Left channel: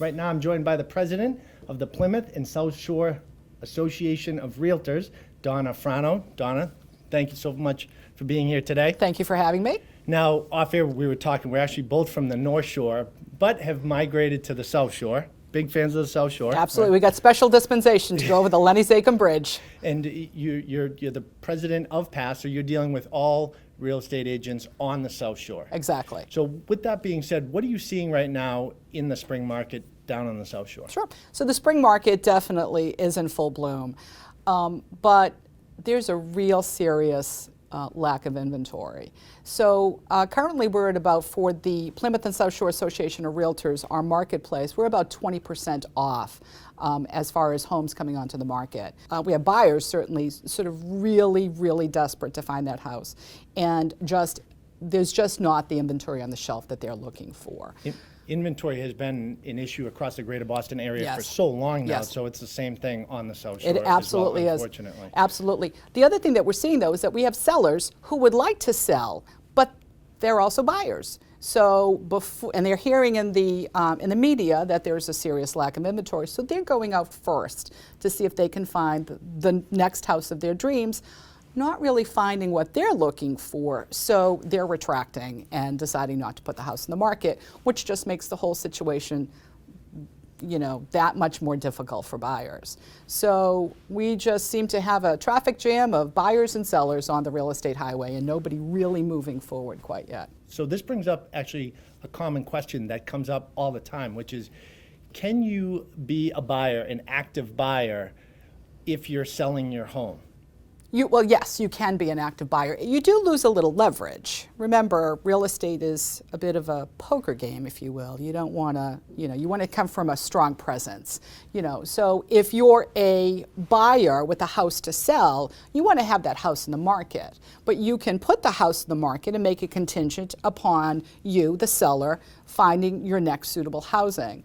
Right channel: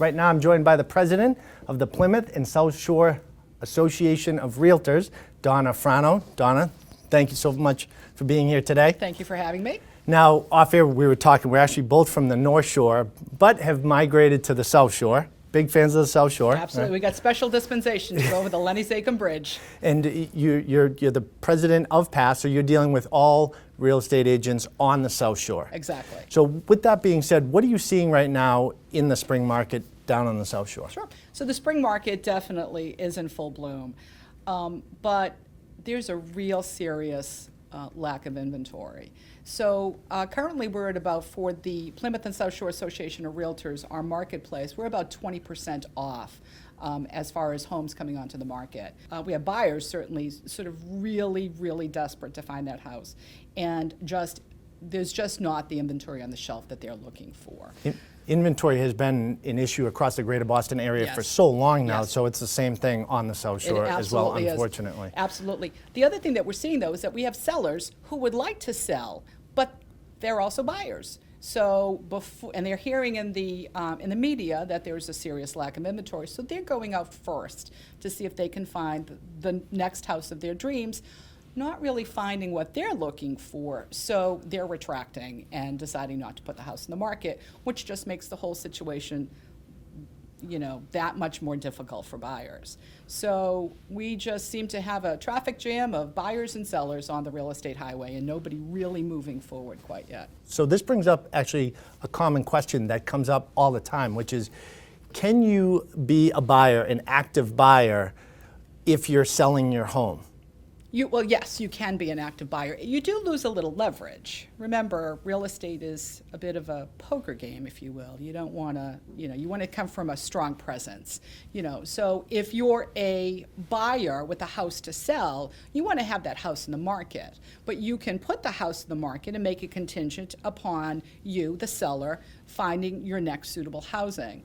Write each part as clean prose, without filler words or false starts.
Right now I'm joined by the president of the Plymouth and South Shore Association of Realtors, Donna Frano. Donna, thank you so much for being here today. Thank you for having me. Now, off air we were talking, we're actually both from the North Shore, but have migrated to the South Shore. Big fans of the South Shore. Absolutely. We got special dispensation to go over the Lenny Zachem Bridge. And you're the president of PASS, so you're dealing with all real estate agents on the South Shore. Exactly. So with that being said, what are you seeing right now in the spring market down on the South Shore? Sure. So the spring market definitely is in full bloom, but there's a real serious lack of inventory. So currently we're at about, for the Plymouth and South Shore Association of Realtors, our marketplace, we're about 20% off as far as homes coming onto the market. We have buyers certainly sort of really desperate to find that house. And there's just not the inventory on the shelf that they're looking for. Inventory has been an issue across the greater Boston area for so long now, so it's the same thing on the South Shore as well, unfortunately. Absolutely. The other thing that we're seeing, though, is that we have sellers who would like to sell, but they're also buyers. So and they're hearing in the media that there's a serious lack of inventory, so they're going out first to see if they can find the next house of their dreams, not really finding what they're looking for, so they're retracting and deciding not to put the house in the market, which just makes the whole situation, you know, that much more difficult for buyers. So we just seem to have a traffic jam of buyers and sellers on the real estate highway and nobody really moving forward quite yet. So this brings up actually a common question that comes up all the time, which is, can you be a buyer, an active buyer, if you're selling your home? Well, yes, you can be an active buyer. You do lose a little leverage. Remember, real estate is a bit of a poker game, if you will. You don't want to, you want to come from a strong presence. So if you're a buyer with a house to sell, you want to have that house in the market. But you can put the house in the market and make it contingent upon you, the seller, finding your next suitable housing.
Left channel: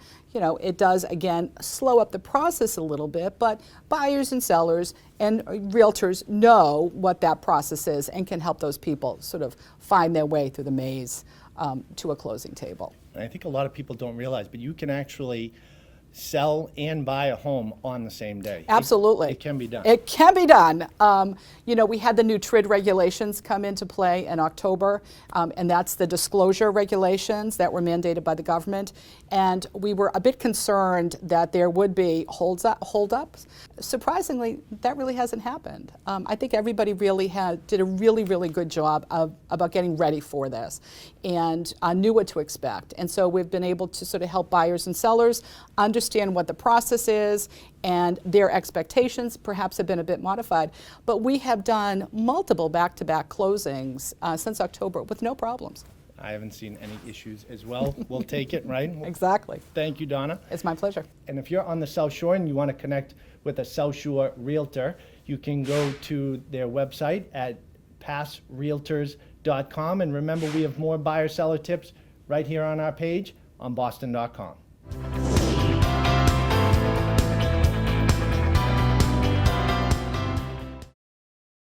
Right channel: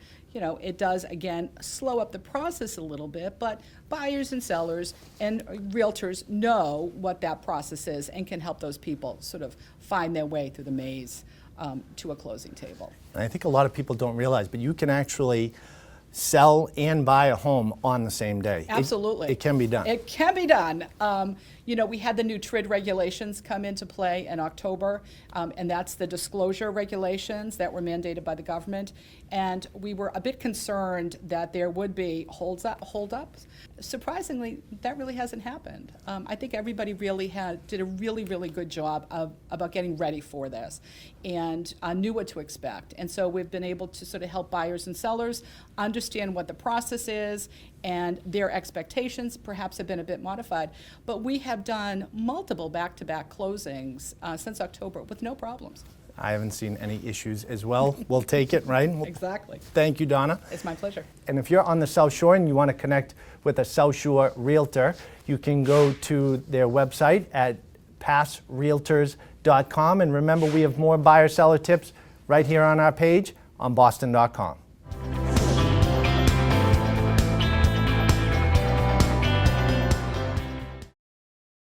It does, again, slow up the process a little bit, but buyers and sellers and realtors know what that process is and can help those people sort of find their way through the maze to a closing table. I think a lot of people don't realize, but you can actually sell and buy a home on the same day. Absolutely. It can be done. It can be done. We had the new TRID regulations come into play in October, and that's the disclosure regulations that were mandated by the government. And we were a bit concerned that there would be hold-ups. Surprisingly, that really hasn't happened. I think everybody really did a really good job about getting ready for this and knew what to expect. And so we've been able to sort of help buyers and sellers understand what the process is, and their expectations perhaps have been a bit modified. But we have done multiple back-to-back closings since October with no problems. I haven't seen any issues as well. We'll take it, right? Exactly. Thank you, Donna. It's my pleasure. And if you're on the South Shore and you want to connect with a South Shore realtor, you can go to their website at passrealtors.com. And remember, we have more buyer-seller tips right here on our page on boston.com.